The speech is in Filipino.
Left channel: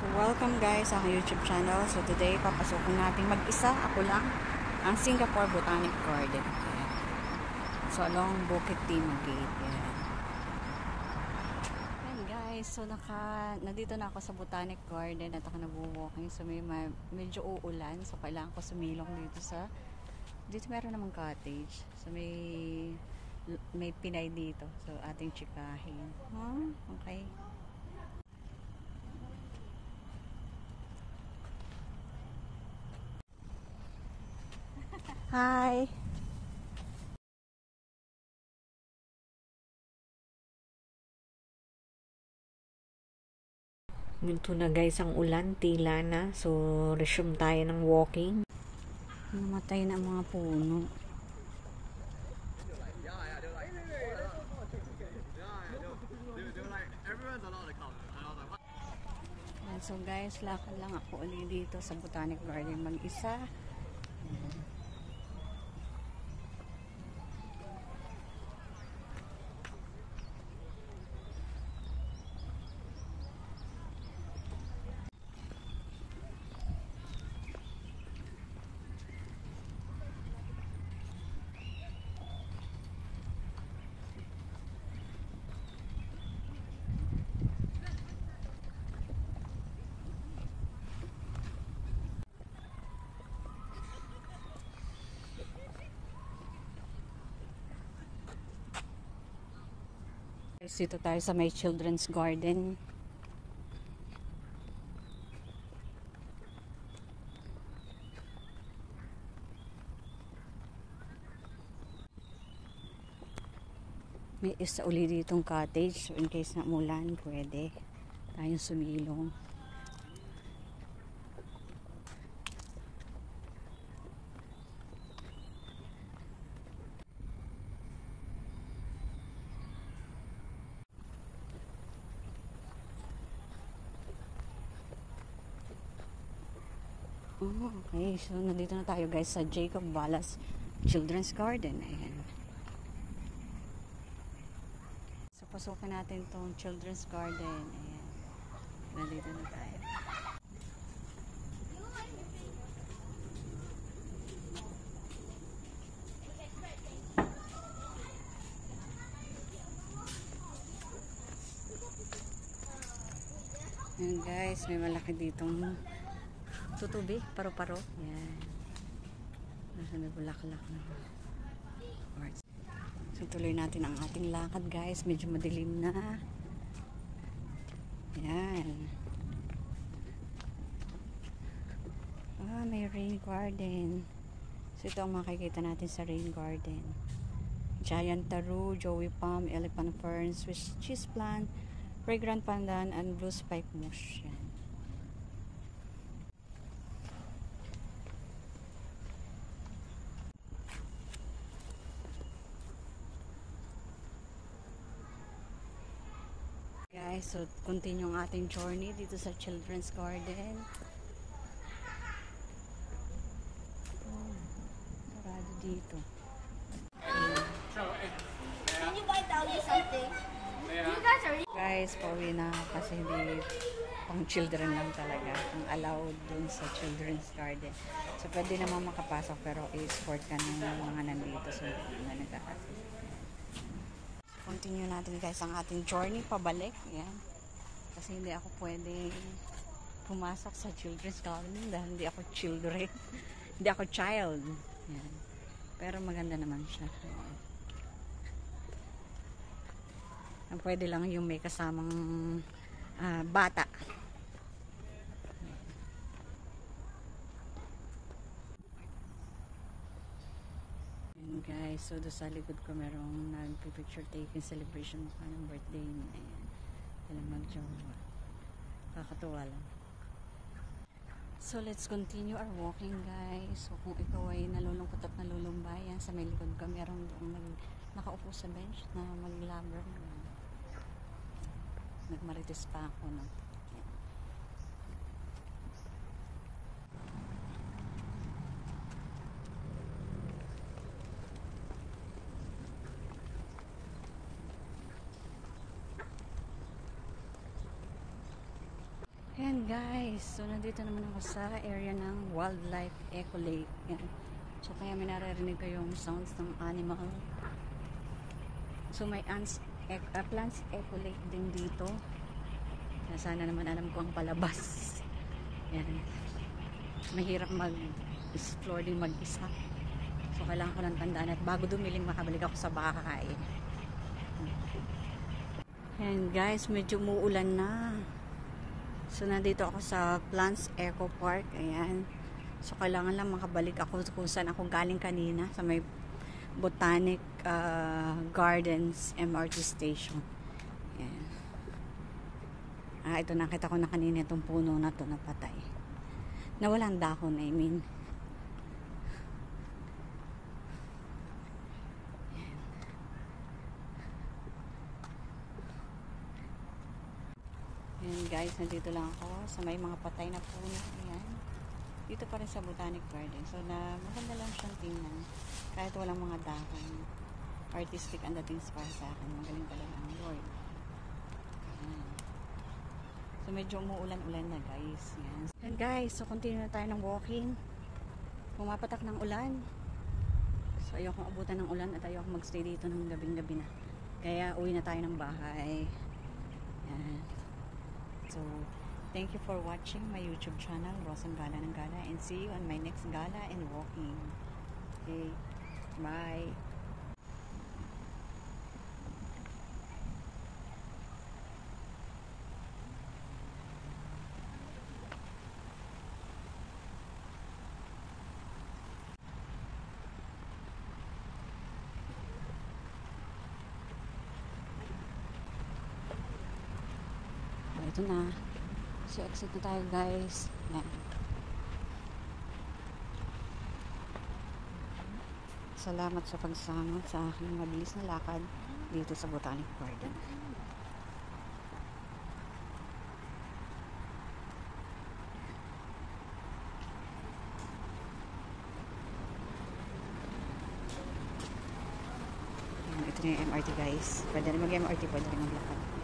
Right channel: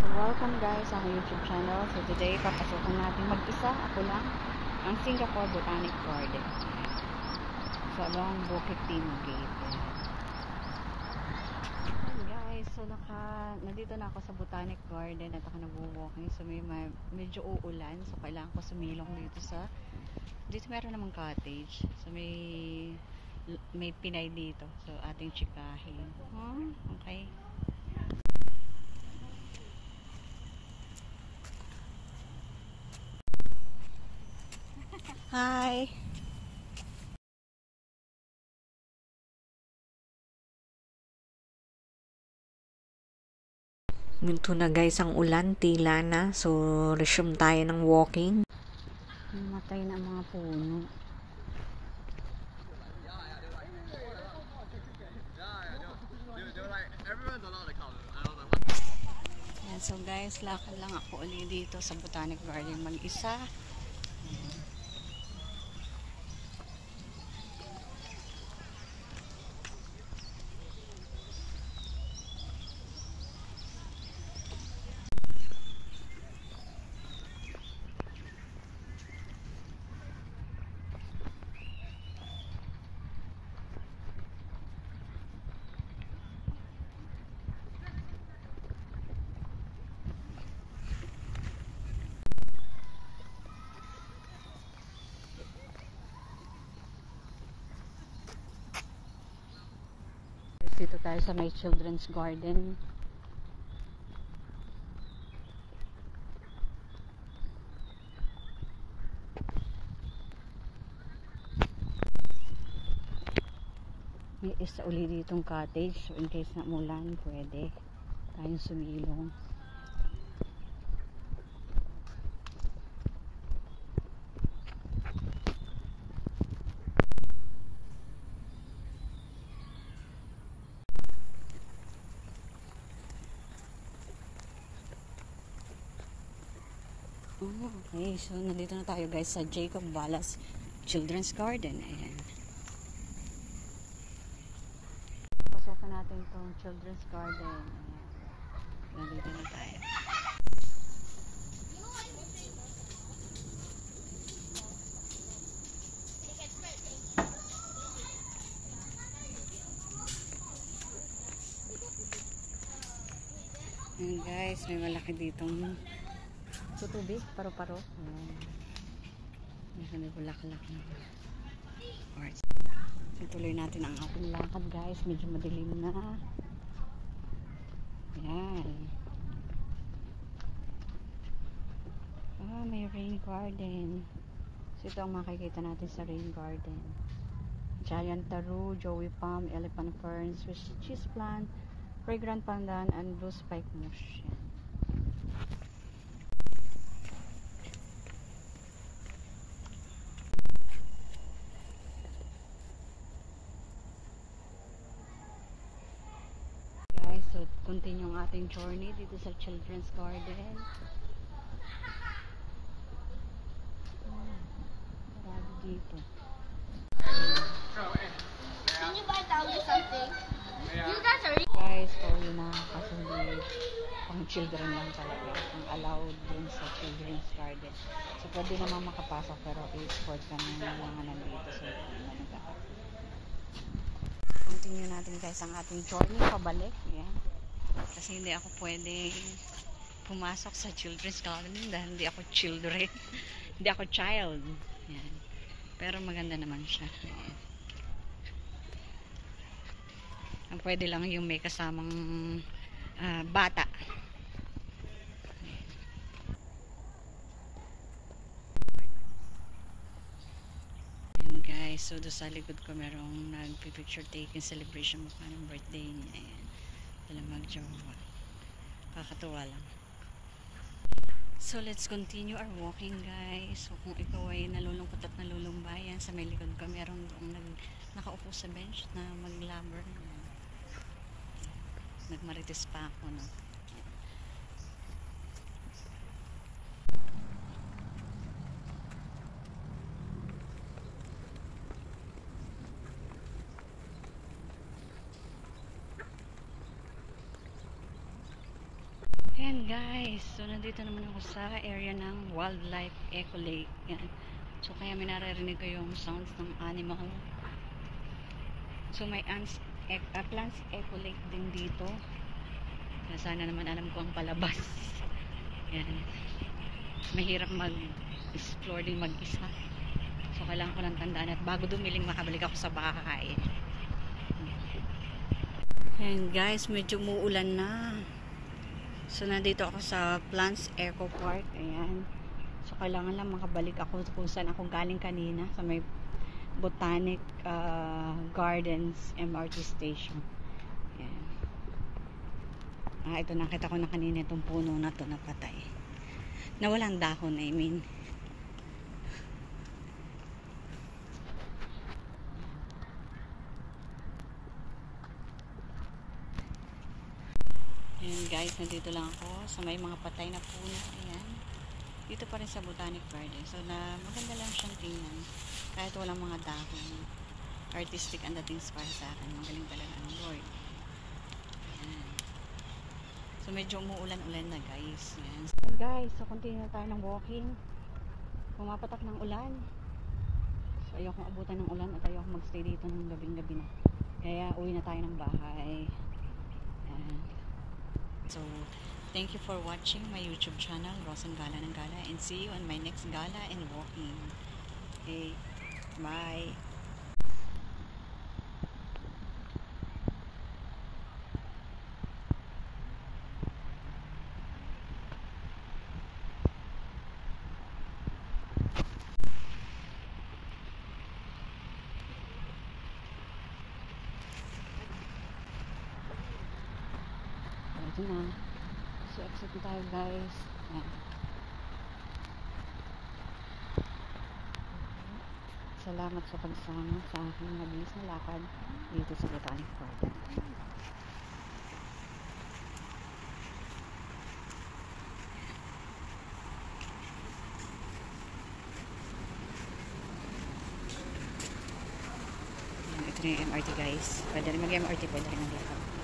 So welcome guys sa aking YouTube channel. So today papasukan natin mag-isa, ako lang, ang Singapore Botanic Garden. So along Bukit Timog. Ayan guys, so nandito na ako sa Botanic Garden at ako nag-walking. So medyo uulan, so kailangan ko sumilong dito meron namang cottage. So may Pinay dito. So ating chikahin. Okay. Hi! Ganito na guys ang ulan, tila na. So, resume tayo ng walking. Namatay na ang mga puno. So guys, lakad lang ako ulit dito sa Botanic Garden mag-isa. Dito tayo sa may children's garden. May isa uli ditong cottage, so in case na umulan pwede tayong sumilong. Okay, so nandito na tayo guys sa Jacob Ballas Children's Garden. Ayan. So pasukan natin tong Children's Garden. Ayan. Nandito na tayo. Ayan guys, may malaki ditong tutubi, paro-paro. Yan. Nasa may bulaklak na. Alright. So, tuloy natin ang ating lakad guys. Medyo madilim na. Yan. May rain garden. So, ito ang makikita natin sa rain garden. Giant taro, joey palm, elephant fern, Swiss cheese plant, fragrant pandan, and blue spike moss. Yan. So, continue ang ating journey dito sa Children's Garden. Karado dito. Can you buy tell you something? You guys are Guys, pauwi na kasi hindi pang children lang talaga ang allowed dun sa Children's Garden. So, pwede naman makapasok pero i-escort ka ng mga nandito. So, continue natin guys ang ating journey pabalik. Yan. Kasi hindi ako pwede pumasok sa Children's Garden dahil hindi ako children. Hindi ako child. Yan. Pero maganda naman siya. Yan. Ang pwede lang yung may kasamang bata. Guys, so doon sa likod ko merong nagpipicture taking celebration mukha ng birthday niya. Ayan. Sila magjowa. Kakatuwa lang. So let's continue our walking guys. So kung ikaw ay nalulungkot at nalulumbayan, sa may likod ko merong doong nakaupo sa bench na maglabor. Nagmarites pa ako, no? Ayan Ayan guys, so nandito naman ako sa area ng Wildlife Eco Lake. Yan. So kaya may naririnig ko yung sounds ng animal. So may plants eco lake din dito. Kaya sana naman alam ko ang palabas. Yan. Mahirap mag-explore din mag-isa. So kailangan ko ng tandaan at bago dumiling makabalik ako sa bahay. Ayan guys, medyo umuulan na. So nandito ako sa Plants Eco Park. Ayan. So kailangan lang makabalik ako kung saan ako galing kanina sa may Botanic Gardens MRT Station. Ayan. Ito nakita ko na kanina itong puno na to na patay. Na walang dahon, I mean. Ayan guys, nandito lang ako sa may mga patay na puno. Ayan. Dito pa rin sa Botanic Garden. So maganda lang siyang tingnan. Kahit walang mga dahon. Artistic ang dating para sa akin. Magaling talaga ang Lord. Ayan. So medyo umuulan-ulan na guys. Ayan. And guys, so continue na tayo ng walking. Pumapatak ng ulan. So ayokong abutan ng ulan at ayokong magstay dito ng gabing-gabi na. Kaya uwi na tayo ng bahay. Ayan. So, thank you for watching my YouTube channel, Rosan Gala ng Gala, and see you on my next gala and walking. Okay, bye. Ito na. So, exit na tayo guys. Ayan. Salamat sa pagsama sa aking mabilis na lakad dito sa Botanic Garden. Ayan, ito na yung MRT guys. Pwede rin mag-MRT, pwede rin maglakad.